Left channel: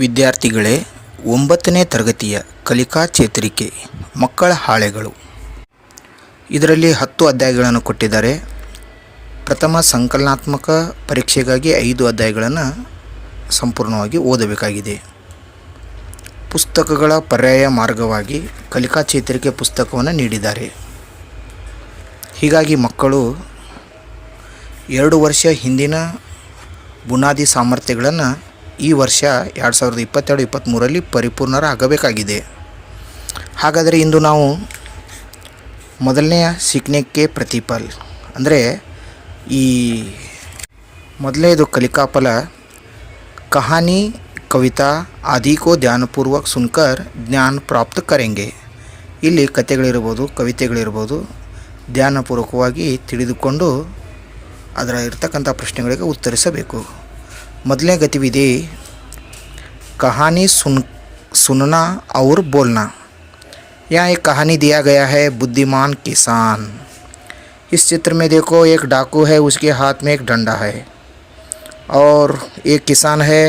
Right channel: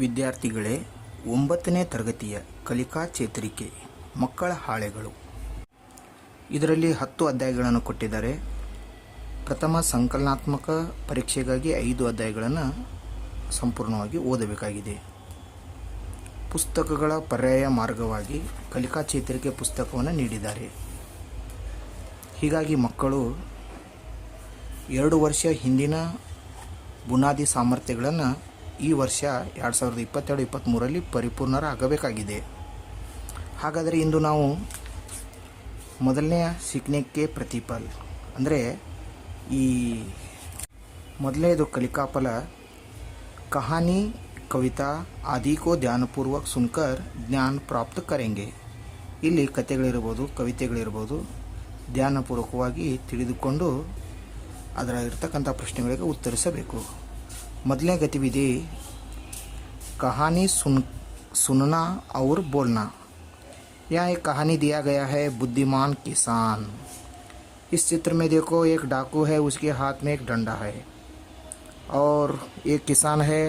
ವಿದ್ಯಾರ್ಥಿಗಳೇ, 9ನೇ ತರಗತಿಯ ಕಲಿಕಾ ಚೇತರಿಕೆ ಮಕ್ಕಳ ಹಾಳೆಗಳು. ಇದರಲ್ಲಿ 10 ಅಧ್ಯಾಯಗಳನ್ನು ಕೊಟ್ಟಿದ್ದಾರೆ. ಪ್ರಥಮ ಸಂಕಲನಾತ್ಮಕ ಪರೀಕ್ಷೆಗಾಗಿ 5 ಅಧ್ಯಾಯಗಳನ್ನು ಸಂಪೂರ್ಣವಾಗಿ ಓದಬೇಕಾಗಿದೆ. ಪುಸ್ತಕಗಳ ಪರ್ಯಾಯ ಮಾರ್ಗವಾಗಿ ಕಲಿಕಾ ಚೇತರಿಕೆ ಪುಸ್ತಕವನ್ನು ನೀಡಿದ್ದಾರೆ. ಹೀಗಾಗಿ ಮಕ್ಕಳು 2 ವರ್ಷ ಹಿಂದಿನ ಬುನಾದಿ ಸಾಮರ್ಥ್ಯಗಳನ್ನು ಈ ವರ್ಷ 2022-23ರಲ್ಲಿ ಪರಿಪೂರ್ಣರಾಗಬೇಕಾಗಿದೆ. ಹಾಗಾದರೆ ಇಂದು ನಾವು ಮೊದಲನೆಯ ಸೀಖನೆಗೆ ಪ್ರತಿಫಲ ಅಂದರೆ ಈ ಮೊದಲನೇದು ಕಲಿಕಾಫಲ ಕಹಾನಿ ಕವಿತಾ ಆದಿ ಕೋ ಧ್ಯಾನಪೂರ್ವಕ ಸುನ್ಕರ್ ಜ್ಞಾನ ಪ್ರಾಪ್ತ ಕರೆಂಗೆ. ಇಲ್ಲಿ ಕಥೆಗಳಿರ್ಬೋದು, ಕವಿತೆಗಳಿರ್ಬೋದು, ಧ್ಯಾನಪೂರ್ವಕವಾಗಿ ತಿಳಿದುಕೊಂಡು ಅದರ ಇರ್ತಕ್ಕಂಥ ಪ್ರಶ್ನೆಗಳಿಗೆ ಉತ್ತರಿಸಬೇಕು. ಮೊದಲನೇ गतिविधि कहानी सुनना और बोलना. यहाँ एक कहानी दिया गया है बुद्धिमान किसान. इस चित्र में देखो, एक डाकू है, उसके हाथ में एक डंडा है और एक किसान है,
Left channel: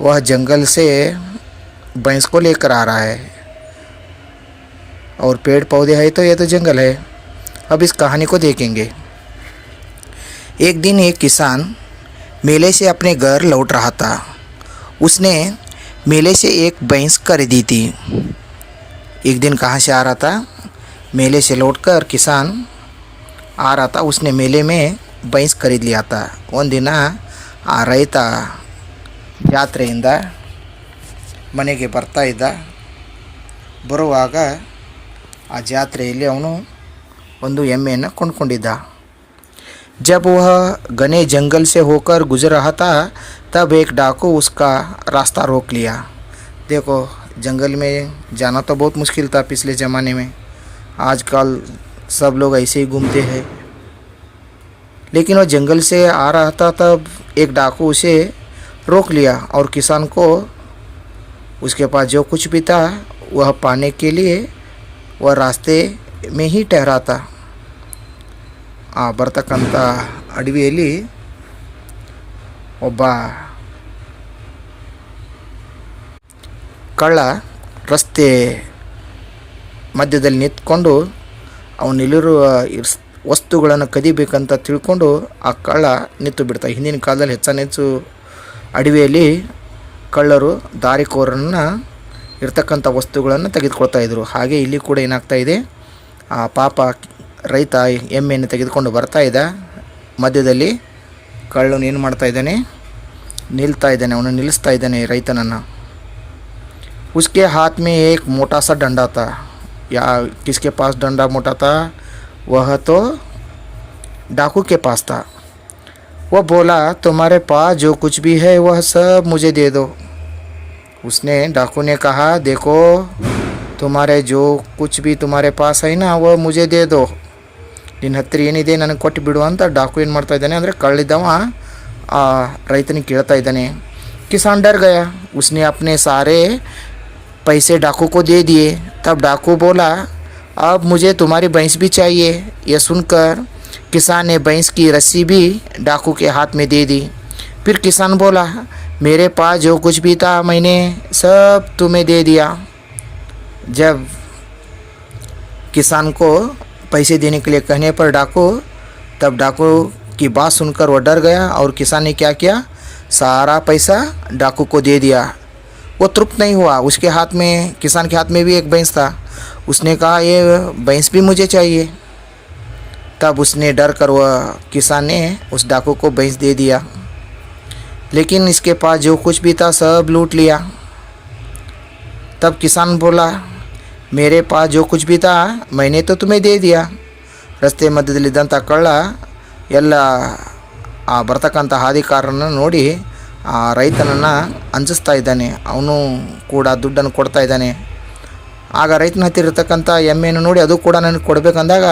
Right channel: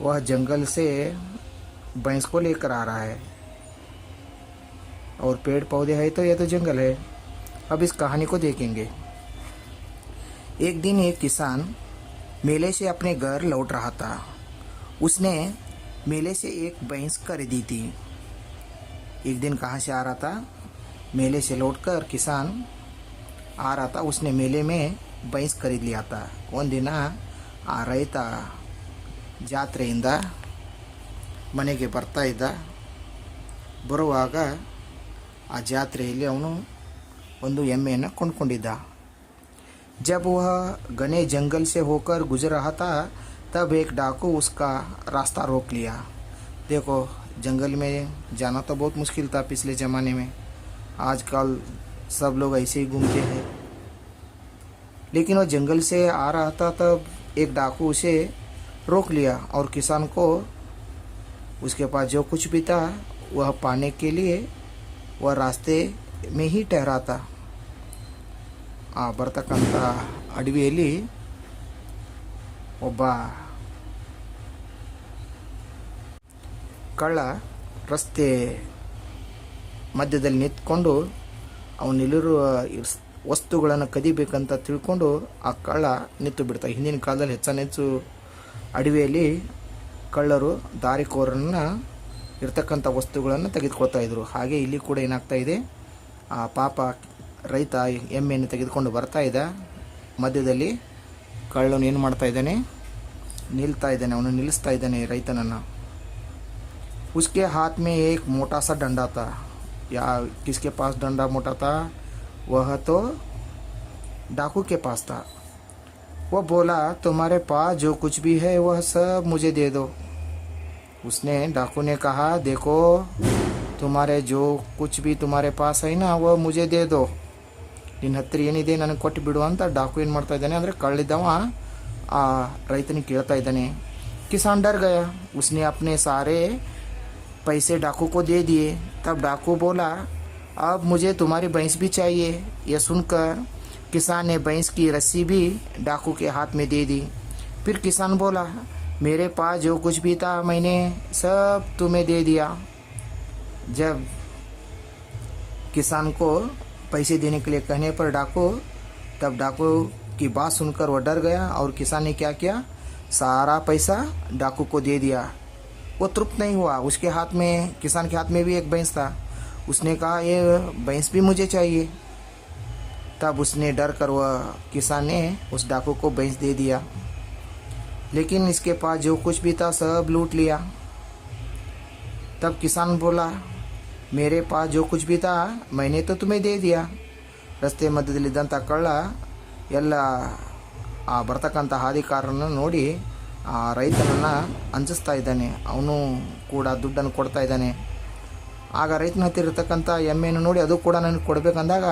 वह जंगल से भैंस को लेकर आ रहा है और पेड़ पौधे है तो ये तो जंगल है. अब इस कहानी को देखेंगे. एक दिन एक किसान मेले से अपने घर लौट रहा था. उसने मेले से एक भैंस खरीदी थी. एक दिन कहाँ से आ रहा था? मेले से लौटकर किसान आ रहा था. उसने मेले में भैंस खरीद लिया था. ಒಂದು ದಿನ ಆ ರೈತ ಜಾತ್ರೆಯಿಂದ ಮನೆಗೆ ಬರ್ತಾ ಇದ್ದ. ಬರುವಾಗ ಆ ಜಾತ್ರೆಯಲ್ಲಿ ಅವನು ಒಂದು ಎಮ್ಮೆಯನ್ನು ಕೊಂಡ್ಕೊಂಡಿದ್ದ. जब वह घने जंगल से होकर गुजर रहा था तब एक डाकू उसका रास्ता रोक लिया. देखो, जंगल में जाना तो बहुत मुश्किल था पिछले ज़माने में. आजकल सब लोग ऐसे ही घूमते हैं, लेकिन वह जंगल से आ रहा था तब एक डाकू उसे रोक लिया और किसान को उसके पास जो कुछ भी था वह पाने के लिए वह रास्ते में ही ठहरा था. ಬರ್ತಕ್ಕಂಥ ಅಡವಿಯಲ್ಲಿ ಒಬ್ಬ ಕಳ್ಳ ರಸ್ತೆ ಮಧ್ಯದಲ್ಲಿ ನಿಂತ್ಕೊಂಡು ಅವನಲ್ಲಿರುವ ವಸ್ತುಗಳನ್ನು ಕದಿಬೇಕಂತ ತಿಳ್ಕೊಂಡು ಆ ಕಳ್ಳ ನಿಂತು ಬಿಡ್ತಾ. ಹಿಂದಿನ ಕಾಲದಲ್ಲಿ ಹೆಚ್ಚು ಅಡವಿಯಲ್ಲಿ ಕಳ್ಳರು ದಾರಿಕೋರನ್ನು ಇರ್ತಕ್ಕಂಥ ವಸ್ತುಗಳನ್ನು ತೆಗೆದುಕೊಳ್ತಾ ಇದ್ದರು. ಹಾಗೆ ಇಲ್ಲಿ ಕೂಡ ಏನಾಗ್ತಾ ಇದೆ, ಆ ಪಾಪ ರೈತ ಎಮ್ಮೆಯನ್ನು ತೆಗೆದುಕೊಂಡು ಬರ್ತಾ ಇದ್ದ. ಮಧ್ಯದಲ್ಲಿ ಕಳ್ಳನು ಏನು ಮಾಡ್ತಾ ಇದ್ದಾನೆ, ನಿಲ್ತಾ ಇದ್ದಾನೆ, ಅವನು ನಿಲ್ಲಿಸ್ತಾ ಇದ್ದಾನೆ ರೈತನನ್ನು. उसके हाथ में एक मोटा सा डंडा था. या किसके पास डंडा मोटा था? वह तो डाकू के पास था. वह बोला, तुम्हारे पास जो कुछ भी है वह सब मुझे दे दो. उसने डाकू ने कहा, देखो, तुम्हारे जो कुछ भी तुम्हारे पास है ना वह मुझे दे दो. ನಿನ್ನ ಹತ್ತಿರ ಏನಿದೆ ನನಗೆ ಕೊಟ್ಟು ಬಿಡು ಅಂತ ಡಾಕು ಏನು ಮಾಡ್ತಾ ಇದ್ದಾನೆ ಅಂದರೆ ಕಳ್ಳಿದ್ದವ ಆ ರೈತನಿಗೆ ಕೇಳ್ತಾ ಇದ್ದಾನೆ. किसान डर गया. उसने अपने सारे पैसे डाकू को दे दिए. तब डाकू बोला, अब मुझे तुम्हारी भैंस भी चाहिए. यह सुनकर किसान ने भैंस की रस्सी भी डाकू के हाथ में दे दी. फिर किसान बोला, मेरे पास जो कुछ भी था मैंने सब तुम्हें दे दिया. जब किसान को पैसे देने के लिए कहने पर तब डाकू की बात सुनकर वह डर गया और किसान ने क्या किया, सारा पैसा डाकू को दे दिया. वो तृप्त नहीं हुआ. उसके हाथ में, किसान के हाथ में भी एक भैंस था. उसने कहा, ये भैंस भी मुझे चाहिए. तब उसने डर कर वह किसान ने उस डाकू को भैंस दे दिया, लेकिन इसके पास जो कुछ भी था सब लूट लिया. तब किसान बोला, मेरे पास जो कुछ भी था मैंने तो तुम्हें दे दिया. ರಸ್ತೆ ಮಧ್ಯದಲ್ಲಿದ್ದಂಥ ಕಳ್ಳ ಎಲ್ಲ ಆ ಬರ್ತಕ್ಕಂಥ ಹಾದಿಕಾರರನ್ನು ನೋಡಿ ಆ ರೈತನನ್ನು ಅಂಜಿಸ್ತಾ ಇದ್ದಾನೆ. ಅವನು ಕೂಡ ದುಡ್ಡನ್ನು ಕೊಡ್ತಾ ಇದ್ದಾನೆ. ಆಗ ರೈತನ ಹತ್ತಿರ ಇರ್ತಕ್ಕಂಥ ಎಮ್ಮೆಯನ್ನು ನೋಡಿ ಅದು ಕೂಡ ನನಗೆ ಕೊಡಬೇಕಂದಾಗ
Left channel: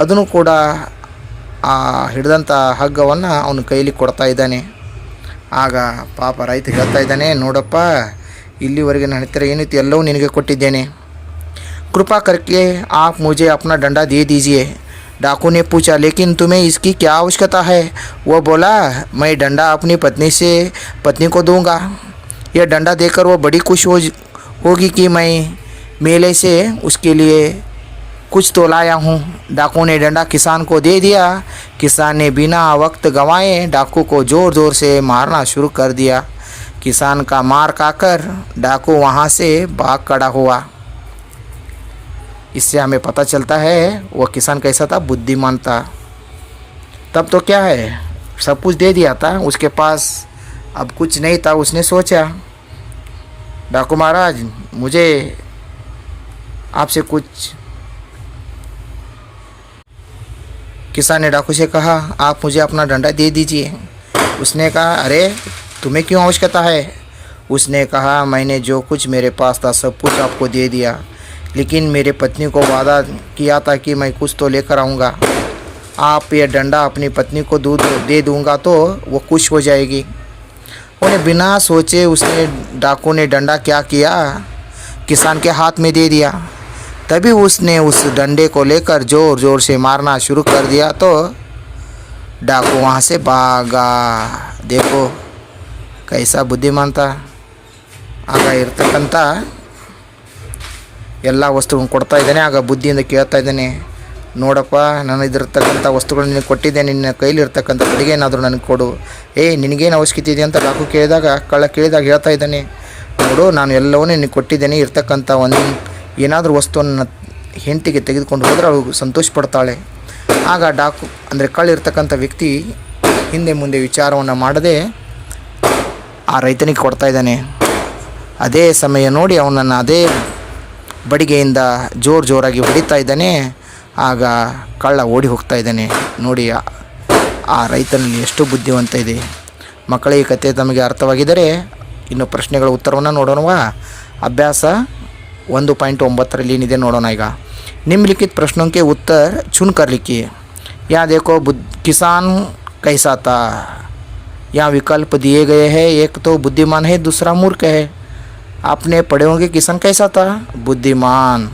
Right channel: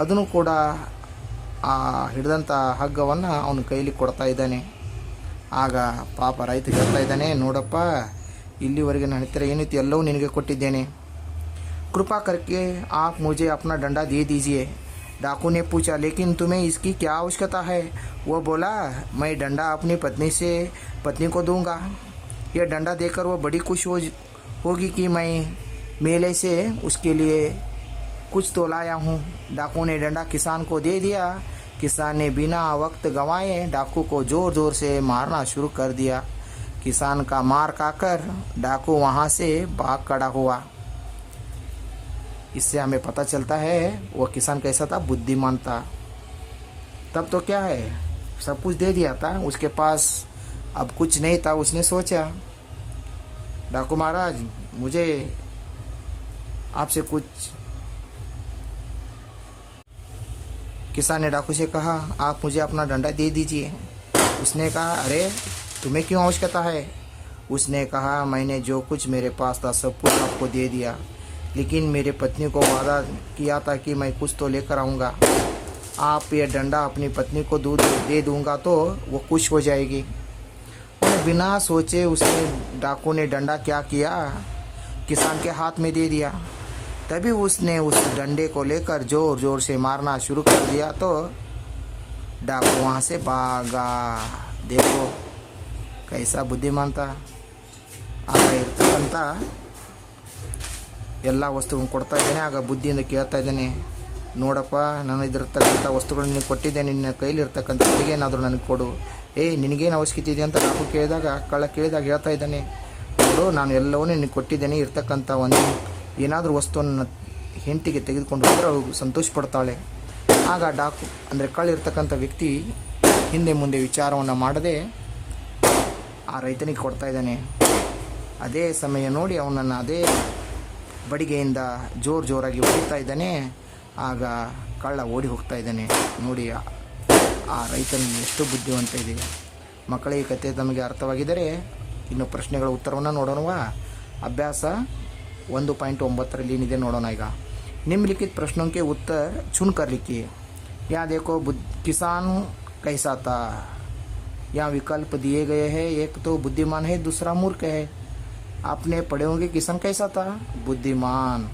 ಅದನ್ನು ಕೂಡ ಆ ಹಿಡಿದಂಥ ಹಗ್ಗವನ್ನು ಅವನ ಕೈಲಿ ಕೊಡ್ತಾ ಇದ್ದಾನೆ. ಆಗ ಪಾಪ ರೈತ ಹೇಳ್ತಾ ಇದ್ದಾನೆ, ನೋಡಪ್ಪ, ಇಲ್ಲಿವರೆಗೆ ನನ್ನ ಹತ್ತಿರ ಏನಿತ್ತು ಎಲ್ಲವೂ ನಿನಗೆ ಕೊಟ್ಟಿದ್ದೇನೆ. कृपा करके आप मुझे अपना डंडा दे दीजिए. डाकू ने पूछा, लेकिन तुम्हें इसकी क्या आवश्यकता है? वह बोला, मैं डंडा अपनी पत्नी को दूंगा. यह डंडा देकर वो बड़ी खुश होगी कि मैं मेले से उसके लिए कुछ तो लाया हूँ। डाकू ने डंडा किसान को दे दिया। किसान ने बिना वक्त गंवाए डाकू को ज़ोर ज़ोर से मारना शुरू कर दिया। किसान का मार खाकर डाकू वहाँ से भाग खड़ा हुआ। इससे हमें पता चलता है वह किसान कैसा था, बुद्धिमान था। तब तो क्या है, सब कुछ दे दिया था, उसके पास अब कुछ नहीं था। उसने सोचा, डाकू महाराज मुझे आपसे कुछ। किसान ने डाकू से कहा, आप मुझे अपना डंडा दे दीजिए। उसने कहा, अरे तुम्हें क्यों आवश्यकता है? उसने कहा, मैंने जो कुछ मेरे पास था सब कुछ आपको दे दिया, लेकिन मेरे पत्नी को वादा किया था कि मैं कुछ तो लेकर आऊँगा। आप ये डंडा अपनी पत्नी को दूध दे दूँगा तो वो खुश हो जाएगी। उन्हें बिना सोचे उसने डाकू ने डंडा क्या किया, किसान के हाथ में दे दिया। तभी उसने उस डंडे को लेकर ज़ोर ज़ोर से मारना शुरू कर दिया तो डाकू वहाँ से भागा। देखो कैसा बुद्धिमान था। ಆಗ ಇರ್ತಕ್ಕಂಥ ಎಲ್ಲ ವಸ್ತುಗಳನ್ನು ಕೊಡ್ತಾ ಇದ್ದಾನೆ. ಆಗ ಬುದ್ಧಿಯಿಂದ ಕೇಳ್ತಾ ಇದ್ದಾನೆ, ನೋಡಪ್ಪ ನಾನು ಇದಿರ್ತಕ್ಕಂಥ ವಸ್ತುಗಳು ನಿನಗೆ ಕೊಟ್ಟಿದ್ದೇನೆ, ನಿನ್ನ ಕೈಲಿರ್ತಕ್ಕಂಥ ಅಡುಗೆ ಏನಾದರೂ ನನಗೆ ಕೊಡು. ನಿನಗೇನು ಅವಶ್ಯಕತೆ ಇದೆ ಅಂತ ಡಾಕು ಕೇಳಿದಾಗ, ಕಳ್ಳ ಕೇಳಿದಾಗ ಹೇಳ್ತಾ ಇದ್ದಾನೆ, ನೋಡು ನಾನು ಎಲ್ಲವನ್ನೂ ನಿನಗೆ ಕೊಟ್ಟಿದ್ದೇನೆ, ಇರ್ತಕ್ಕಂಥ ಒಂದು ಏನಾದರೂ ವಸ್ತುವನ್ನು ಹೆಂಡತಿಗೆ ತೆಗೆದುಕೊಂಡು ಹೋದರೆ ಅವಳು ಸಂತೋಷ ಪಡ್ತಾಳೆ. ಆಗ ಡಾಕು ಅಂದರೆ ಕಳ್ಳ ಇರ್ತಕ್ಕಂಥ ವ್ಯಕ್ತಿ ಹಿಂದೆ ಮುಂದೆ ವಿಚಾರವನ್ನು ಮಾಡದೆ ಆ ರೈತನಿಗೆ ಕೊಡ್ತಾ ಇದ್ದಾನೆ. ಅದೇ ಸಮಯ ನೋಡಿ ಅವನನ್ನು ಅದೇ ಬಡಿಗೆಯಿಂದ ಜೋರಾಗಿ ಹೊಡಿತಾ ಇದ್ದಾನೆ. ಆಗ ಕಳ್ಳ ಓಡಿ ಹೋಗ್ತಾ ಇದ್ದಾನೆ. ನೋಡಿ ಆ ರೈತನಲ್ಲಿ ಎಷ್ಟು ಬುದ್ಧಿವಂತ ಇದೆ. ಮಕ್ಕಳೇ, ಈ ಕಥೆ ತಮಗೆ ಅರ್ಥವಾಗಿದ್ದರೆ ಇನ್ನು ಪ್ರಶ್ನೆಗಳ ಉತ್ತರವನ್ನು ನೋಡೋಣವಾ? ಅಭ್ಯಾಸ 1.9 ಏನಿದೆ ನೋಡೋಣ. ಈಗ निम्नलिखित प्रश्नों के उत्तर चुनकर लिखिए। यहाँ देखो किसान कैसा था। यहाँ विकल्प दिए गए हैं, एक तो बुद्धिमान है, दूसरा मूर्ख है। आपने पढ़े होंगे किसान कैसा था, बुद्धिमान।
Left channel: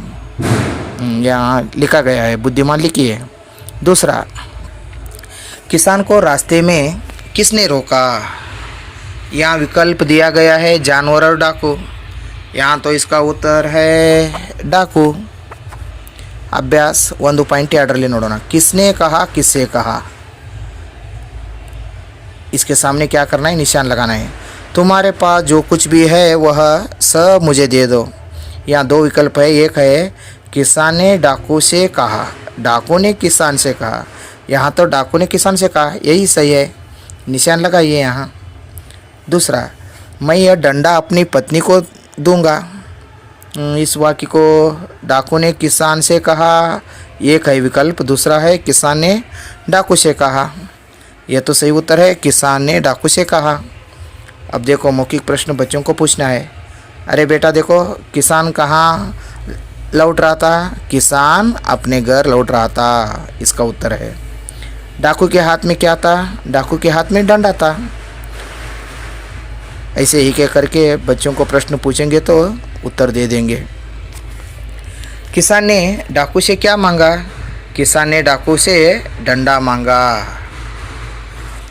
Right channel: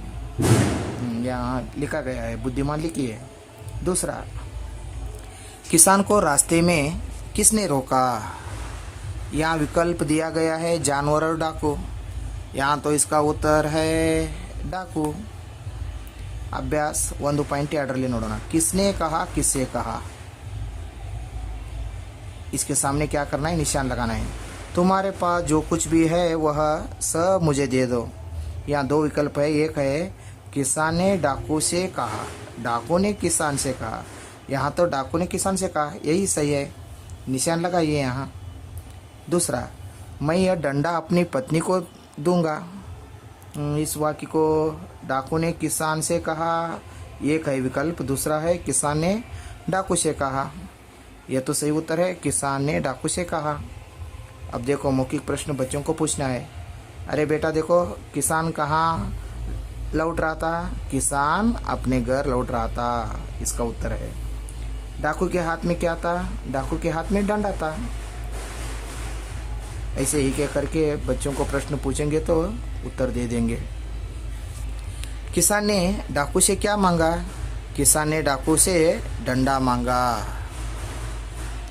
यहाँ लिखा गया है बुद्धिमान लिखिए। दूसरा, किसान को रास्ते में किसने रोका? यहाँ विकल्प दिया गया है जानवर और डाकू। यहाँ तो इसका उत्तर है डाकू। अभ्यास 1.2 नोड़ोना। किसने कहा, किससे कहा? इसके सामने क्या करना है, निशान लगाना है। तुम्हारे पास जो कुछ भी है वह सब मुझे दे दो। यहाँ 2 विकल्प है, एक है किसान ने डाकू से कहा, डाकू ने किसान से कहा। यहाँ तो डाकू ने किसान से कहा, यही सही है, निशान लगाइए यहाँ। दूसरा, मैं यह डंडा अपनी पत्नी को दूंगा। इस वाक्य को डाकू ने किसान से कहा, एक है विकल्प, दूसरा है किसान ने डाकू से कहा। यह तो सही उत्तर है, किसान ने डाकू से कहा। अब देखो मौखिक प्रश्न बच्चों को पूछना है। अरे बेटा देखो, किसान कहाँ लौट रहा था? किसान अपने घर लौट रहा था, इसका उत्तर है। डाकू के हाथ में क्या था? डाकू के हाथ में डंडा था। ऐसे ही कह करके बच्चों को प्रश्न पूछेंगे तो उत्तर दे देंगे। किसान ने डाकू से क्या मांगा? किसान ने डाकू से डंडा मांगा।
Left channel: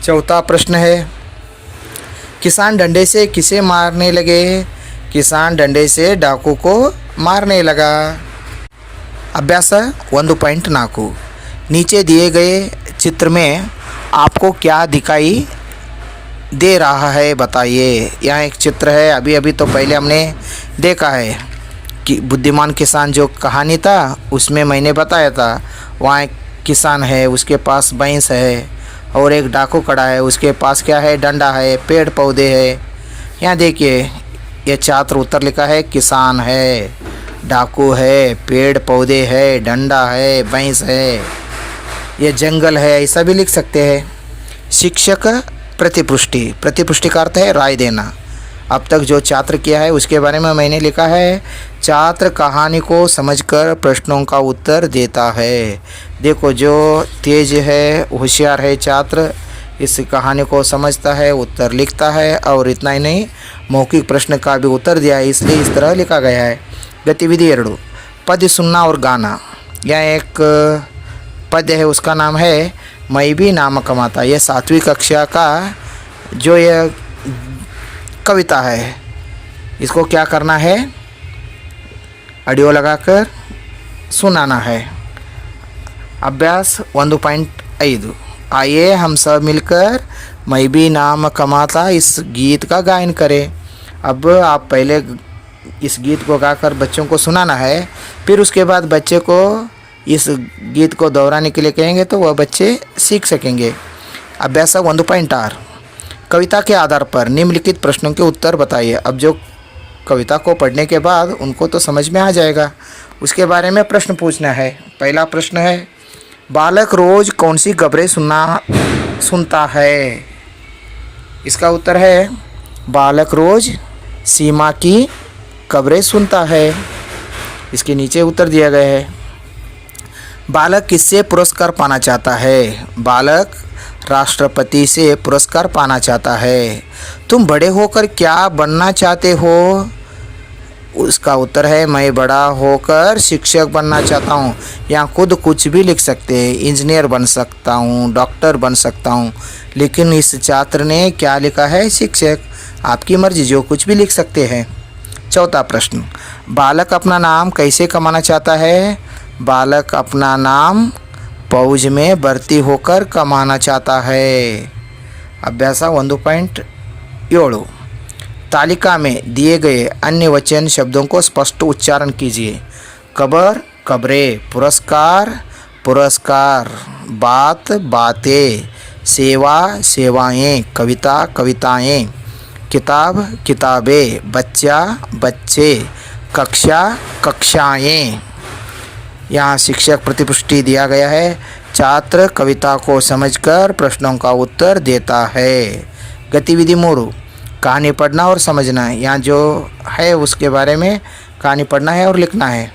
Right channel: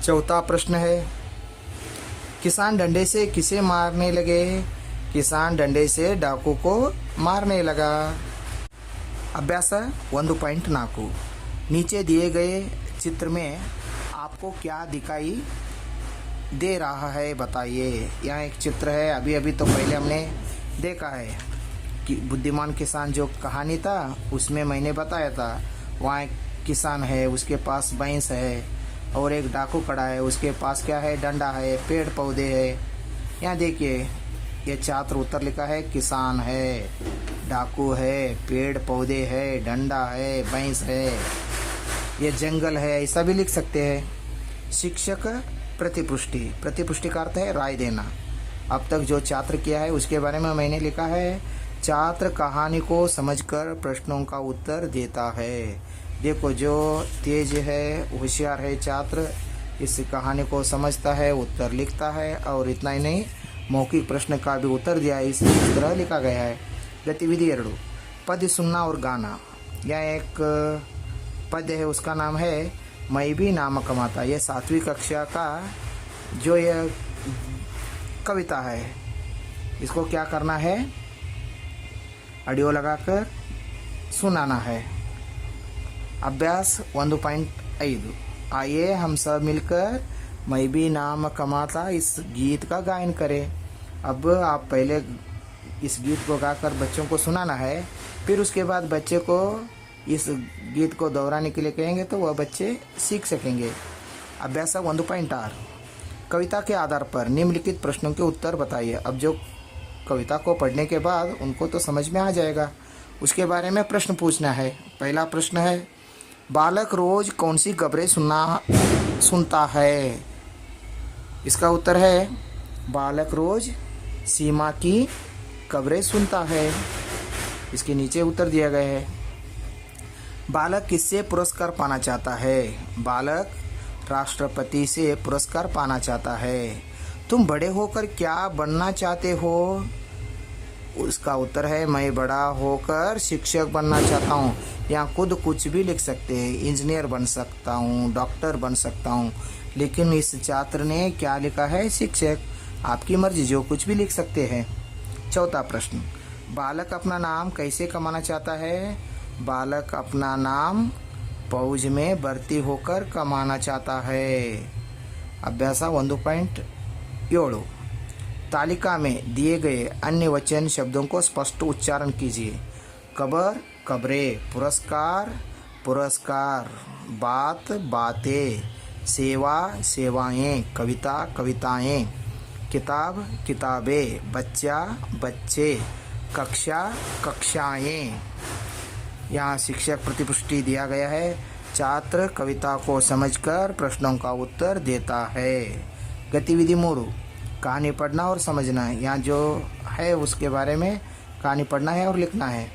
चौथा प्रश्न है, किसान डंडे से किसे मारने लगे? किसान डंडे से डाकू को मारने लगा। अभ्यास 1.4। नीचे दिए गए चित्र में आपको क्या दिखाई दे रहा है बताइए। यहाँ एक चित्र है, अभी तो पहले हमने देखा है कि बुद्धिमान किसान जो कहानी था उसमें मैंने बताया था। वहाँ एक किसान है, उसके पास भैंस है और एक डाकू खड़ा है, उसके पास क्या है, डंडा है, पेड़ पौधे है। यहाँ देखिए ये छात्र उत्तर लिखा है, किसान है, डाकू है, पेड़ पौधे है, डंडा है, भैंस है, ये जंगल है, ऐसा भी लिख सकते हैं। शिक्षक प्रतिपुष्टि, प्रतिपुष्टि का अर्थ है राय देना। अब तक जो छात्र किया है उसके बारे में मैंने लिखा है, छात्र कहानी को समझकर प्रश्नों का उत्तर देता है। देखो जो तेज है, होशियार है छात्र, इस कहानी को समझता है, उत्तर लिखता है और इतना ही नहीं मौखिक प्रश्न का भी उत्तर दिया है, इसलिए इस तरह लिखा गया है। गतिविधि 2, पद्य सुनना और गाना। यह एक पद्य है, उसका नाम है मैं भी नाम कमाता। यह 7वीं कक्षा का जो यह कविता है, इसको क्या करना है, ऑडियो लगाकर सुनाना है। अभ्यास 1.5 आइए हम सब मिलकर मैं भी नाम कमाता इस गीत का गायन करें। अब आप पहले इस गीत को गाकर बच्चों को सुनाना है, फिर उसके बाद बच्चे को इस गीत को दोहराने के लिए कहेंगे तो वह बच्चे सीख सकेंगे। अभ्यास 1.6 कविता के आधार पर निम्नलिखित प्रश्नों के उत्तर बताइए। अब जो कविता को पढ़ने के बाद उनको तो समझ में आ जाएगा, उसके बारे में प्रश्न पूछना है। पहला प्रश्न है, बालक रोज कौन सी खबरें सुनता है? इसका उत्तर है, बालक रोज सीमा की खबरें सुनता है। इसके नीचे उत्तर दिया गया है। बालक किससे पुरस्कार पाना चाहता है? बालक राष्ट्रपति से पुरस्कार पाना चाहता है। तुम बड़े होकर क्या बनना चाहते हो? उसका उत्तर है, मैं बड़ा होकर शिक्षक बनना चाहता हूँ। यहाँ खुद कुछ भी लिख सकते हैं, इंजीनियर बन सकता हूँ, डॉक्टर बन सकता हूँ, लेकिन इस छात्र ने क्या लिखा है? शिक्षक। आपकी मर्जी, जो कुछ भी लिख सकते हैं। चौथा प्रश्न, बालक अपना नाम कैसे कमाना चाहता है? बालक अपना नाम फौज में भर्ती होकर कमाना चाहता है। अभ्यास 1.7 तालिका में दिए गए अन्य वचन शब्दों को स्पष्ट उच्चारण कीजिए। खबर खबरें, पुरस्कार पुरस्कार, बात बातें, सेवा सेवाएं, कविता कविताएं, किताब किताबें, बच्चा बच्चे, कक्षा कक्षाएं। यहाँ शिक्षक प्रतिपुष्टि दिया गया है। छात्र कविता को समझकर प्रश्नों का उत्तर देता है। गतिविधि 3 कहानी पढ़ना और समझना है। यहाँ जो है उसके बारे में कहानी पढ़ना है और लिखना है।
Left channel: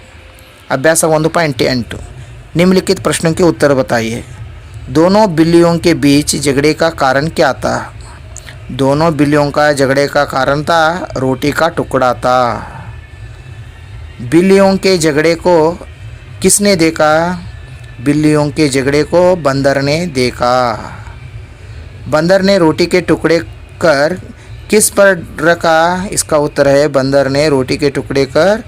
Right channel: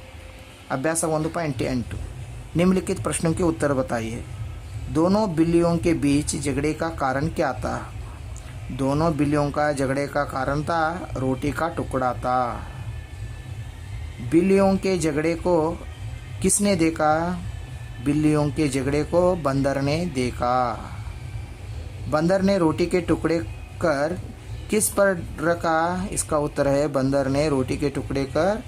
अभ्यास 1.8 निम्नलिखित प्रश्नों के उत्तर बताइए। दोनों बिल्लियों के बीच झगड़े का कारण क्या था? दोनों बिल्लियों का झगड़े का कारण था रोटी का टुकड़ा था। बिल्लियों के झगड़े को किसने देखा? बिल्लियों के झगड़े को बंदर ने देखा। बंदर ने रोटी के टुकड़े कर किस पर रखा? इसका उत्तर है, बंदर ने रोटी के टुकड़े कर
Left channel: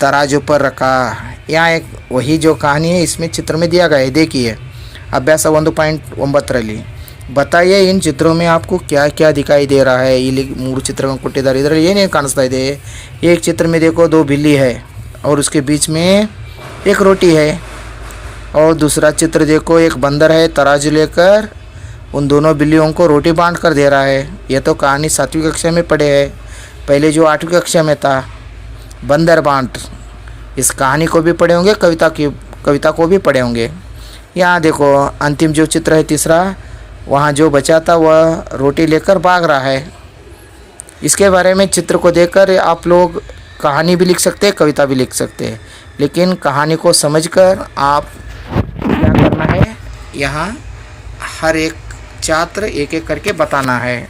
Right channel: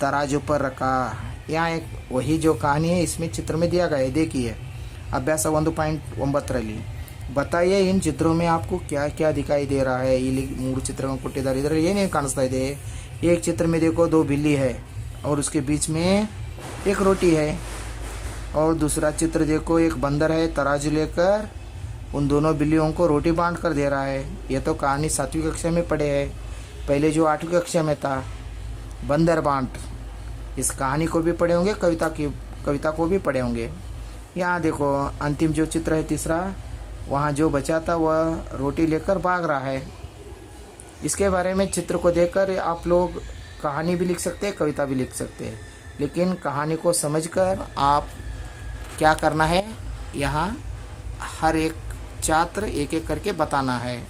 तराजू पर रखा। यहाँ एक वही जो कहानी है इसमें चित्र में दिया गया है, देखिए। अभ्यास 1.9 बताइए इन चित्रों में आपको क्या क्या दिखाई दे रहा है? ये 3 ಚಿತ್ರಗಳನ್ನು ಕೊಟ್ಟಿದ್ದಾರೆ, ಇದರಲ್ಲಿ ಏನೇನು ಕಾಣಿಸ್ತಾ ಇದೆ? एक चित्र में देखो 2 बिल्ली है और उसके बीच में एक रोटी है, और दूसरा चित्र देखो एक बंदर है तराजू लेकर उन दोनों बिल्लियों को रोटी बांट कर दे रहा है। यह तो कहानी 7वीं कक्षा में पढ़े है, पहले जो 8वीं कक्षा में था बंदर बांट। इस कहानी को भी पढ़े होंगे, कविता को भी पढ़े होंगे। यहाँ देखो अंतिम जो चित्र है तीसरा, वहाँ जो बचा था वह रोटी लेकर भाग रहा है। इसके बारे में चित्र को देखकर आप लोग कहानी भी लिख सकते हैं, कविता भी लिख सकते हैं, लेकिन कहानी को समझकर आप क्या करना है, यहाँ हर एक छात्र एक एक करके बताना है।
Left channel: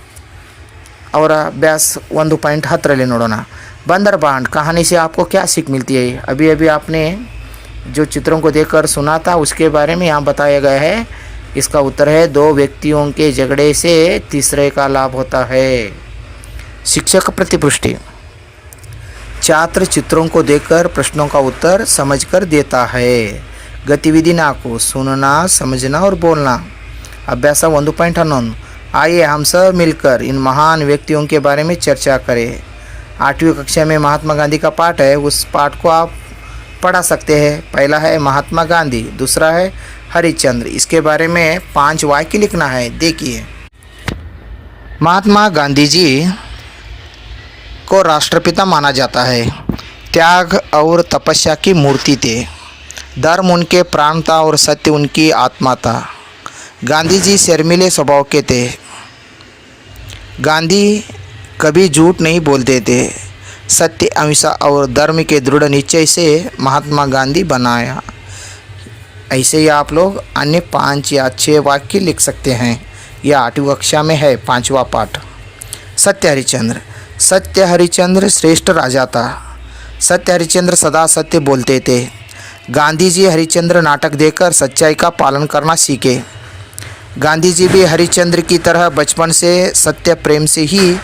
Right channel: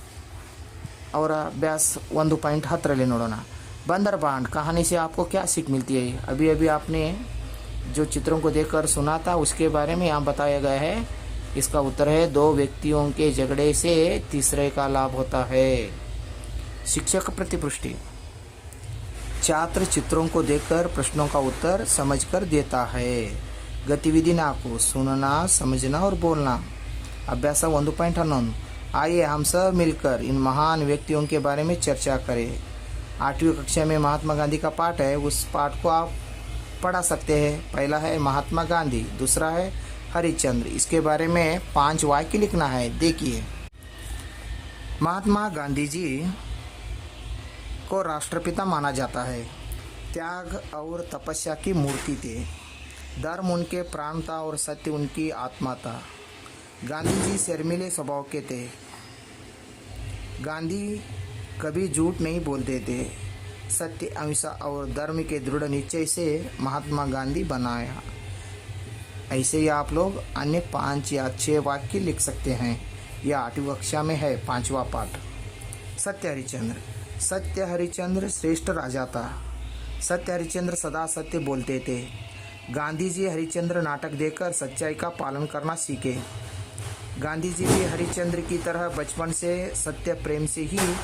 और अभ्यास 1.10 ನೋಡೋಣ। बंदर बांट कहानी से आपको क्या सीख मिलती है? अभी अभी आपने जो चित्रों को देखकर सुना था उसके बारे में यहाँ बताया गया है। इसका उत्तर है, 2 व्यक्तियों के झगड़े से तीसरे का लाभ होता है। शिक्षक प्रतिपुष्टि, छात्र चित्रों को देखकर प्रश्नों का उत्तर समझकर देता है। गतिविधि को सुनना समझना और बोलना। अभ्यास 1.11 आइए हम सब मिलकर इन महान व्यक्तियों के बारे में चर्चा करें। 8वीं कक्षा में महात्मा गांधी का पाठ है, उस पाठ को आप पढ़ा सकते हैं। पहला है महात्मा गांधी, दूसरा है हरिश्चंद्र। इसके बारे में 5 वाक्य लिखना है, देखिए। महात्मा गांधी जी को राष्ट्रपिता माना जाता है। त्याग और तपस्या की मूर्ति थे। धर्म उनके प्राण था और सत्य उनकी आत्मा था। गांधी जी शर्मीले स्वभाव के थे। गांधी कभी झूठ नहीं बोलते थे। सत्य अहिंसा और धर्म के दृढ़ निश्चय से महात्मा गांधी बनाया। ऐसे ही आप लोग अन्य 5 या 6 वाक्य लिख सकते हैं। यह 8वीं कक्षा में है, 5वां पाठ। सत्य हरिश्चंद्र, सत्य हरिश्चंद्र श्रेष्ठ राजा था। सत्य हरिश्चंद्र सदा सत्य बोलते थे। गांधी जी हरिश्चंद्र नाटक देखकर सच्चाई का पालन करना सीखे। गांधी जी भी हरिश्चंद्र की तरह बचपन से सत्य प्रेम से ही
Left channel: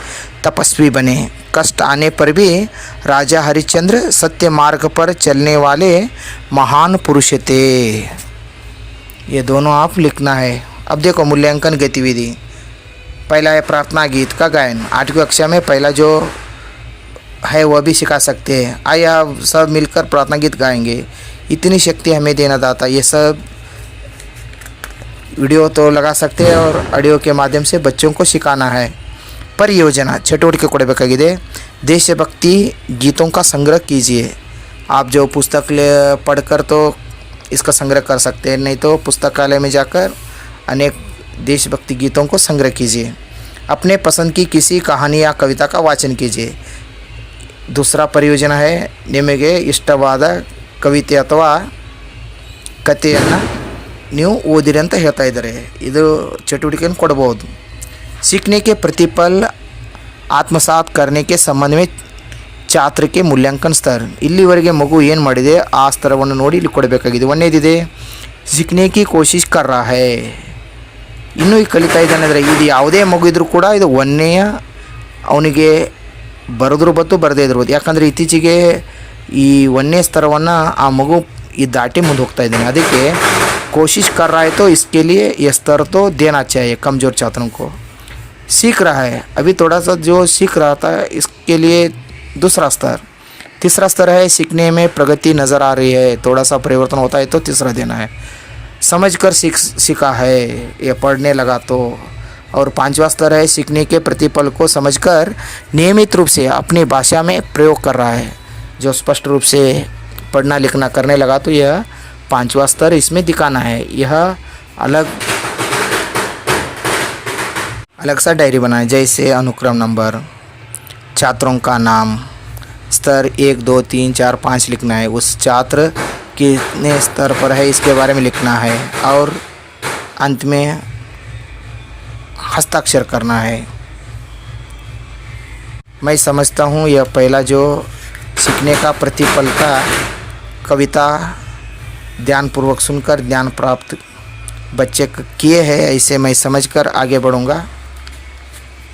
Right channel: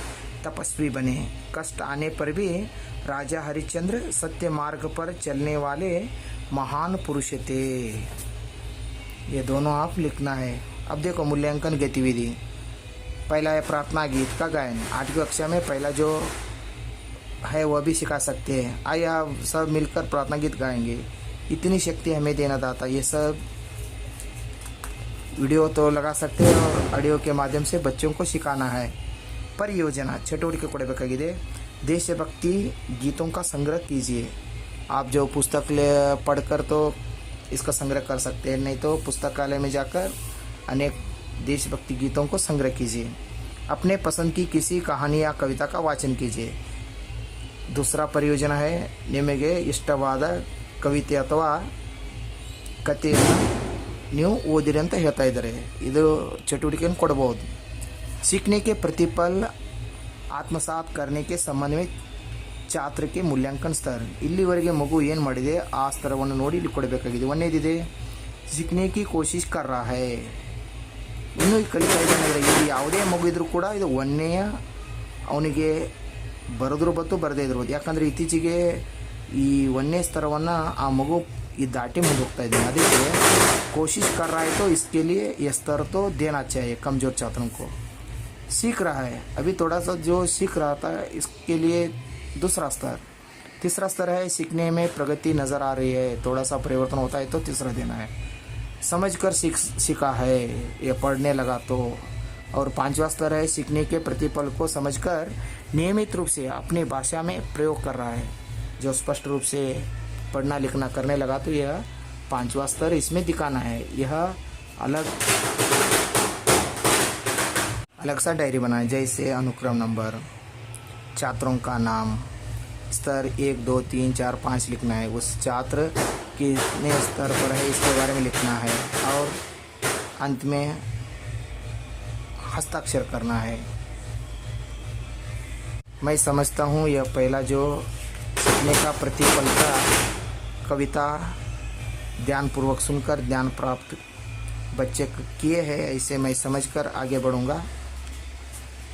तपस्वी बने। कष्ट आने पर भी राजा हरिश्चंद्र सत्य मार्ग पर चलने वाले महान पुरुष थे। ये दोनों आप लिखना है। अब देखो मूल्यांकन गतिविधि। पहला है प्रार्थना गीत का गायन। 8वीं कक्षा में पहला जो है वह भी सिखा सकते हैं। आइए आप सब मिलकर प्रार्थना गीत गाएंगे। इतनी शक्ति हमें देना दाता। ये सब वीडियो तो लगा सकते हैं और ऑडियो के माध्यम से बच्चों को सिखाना है। परियोजना चटुवटिके ಕೊಡಬೇಕಾಗಿದೆ। देशभक्ति गीतों का संग्रह कीजिए। आप जो पुस्तक पढ़कर तो इसका संग्रह कर सकते हैं, नहीं तो पुस्तकालय में जाकर अनेक देशभक्ति गीतों को संग्रह कीजिए। अपने पसंद की किसी कहानी या कविता का वाचन कीजिए। दूसरा परियोजना है ನಿಮಗೆ ಇಷ್ಟವಾದ ಕವಿತೆ ಅಥವಾ ಕಥೆಯನ್ನು ನೀವು ಓದಿರಿ ಅಂತ ಹೇಳ್ತಾ ಇದ್ದಾರೆ। ಇದು ಚಟುವಟಿಕೆಯನ್ನು ಕೊಡಬಹುದು। सीखने के प्रतिफल आत्मसात करने के संबंध में छात्र के मूल्यांकन स्तर। ಇಲ್ಲಿವರೆಗೆ ಮಗು ಏನು ಮಾಡಿದೆ ಆ ಸ್ತರವನ್ನು ನೋಡಿ ಇಲ್ಲಿ ಕೊಡಬೇಕಾಗಿದೆ। ಒಂದನೇದಿದೆ सीखने की कोशिश कर रहा है। ಇನ್ನೂ ಈ ಕಲಿತಾ ಇದ್ದಾನೆ ಅಂದರೆ ಇದು ಯಾವುದೇ ಮಗು ಇದ್ದರೂ ಕೂಡ ಇದು ಒಂದನೆಯ ಅವನಿಗೆ ಬರೆದ್ರು ಬತ್ತು ಬರದೇ ಇರ್ಬೋದು। ಯಾಕಂದರೆ ಇತ್ತೀಚೆಗೆ ಈ ಒಂದನೇ ಸ್ತರವನ್ನು ಆ ಮಗು ಈ ದಾಟಿ ಮುಂದೆ ಹೋಗ್ತಾ ಇದ್ದಾನೆ। ಅದಕ್ಕೆ कोशिश कर रहा है तो इसके लिए ये स्तर तो देना चाहिए कमज़ोर छात्रों को। सीख रहा है अभी थोड़ा सा जो सीख रहा था इसके लिए दूसरा स्तर। तीसरा स्तर है सीखने में प्रगति नज़र आ रही है, थोड़ा सा परिवर्तन होता है तो तीसरा देना है। समझकर सीखा है ये पढ़ने लगा तो। और 5वां स्तर है सीखने के प्रतिफल को समझकर नियमित रूप से अपनी भाषा में प्रयोग कर रहा है। जो स्पष्ट रूप से पढ़ना लिखना करने लगा तो यह 5वां स्तर इसमें दिखाना है। यह अलग सा डायरी बनाए, जैसे अनुक्रम नंबर, छात्रों का नाम, स्तर 1 2 3 4 5 लिखना है। उस छात्र कितने स्तर पर है इसके बारे में लिखना है और अंत में हस्ताक्षर करना है। मैं समझता हूँ यह पहला जो सीखने का प्रतिफल का कविता ध्यानपूर्वक सुनकर ज्ञान प्राप्त बच्चे किए हैं, ऐसे मैं समझकर आगे बढ़ूँगा।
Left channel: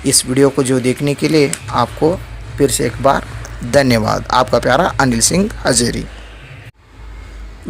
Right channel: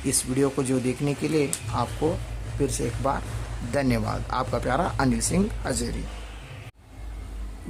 इस वीडियो को जो देखने के लिए आपको फिर से एक बार धन्यवाद। आपका प्यारा अनिल सिंह हजेरी।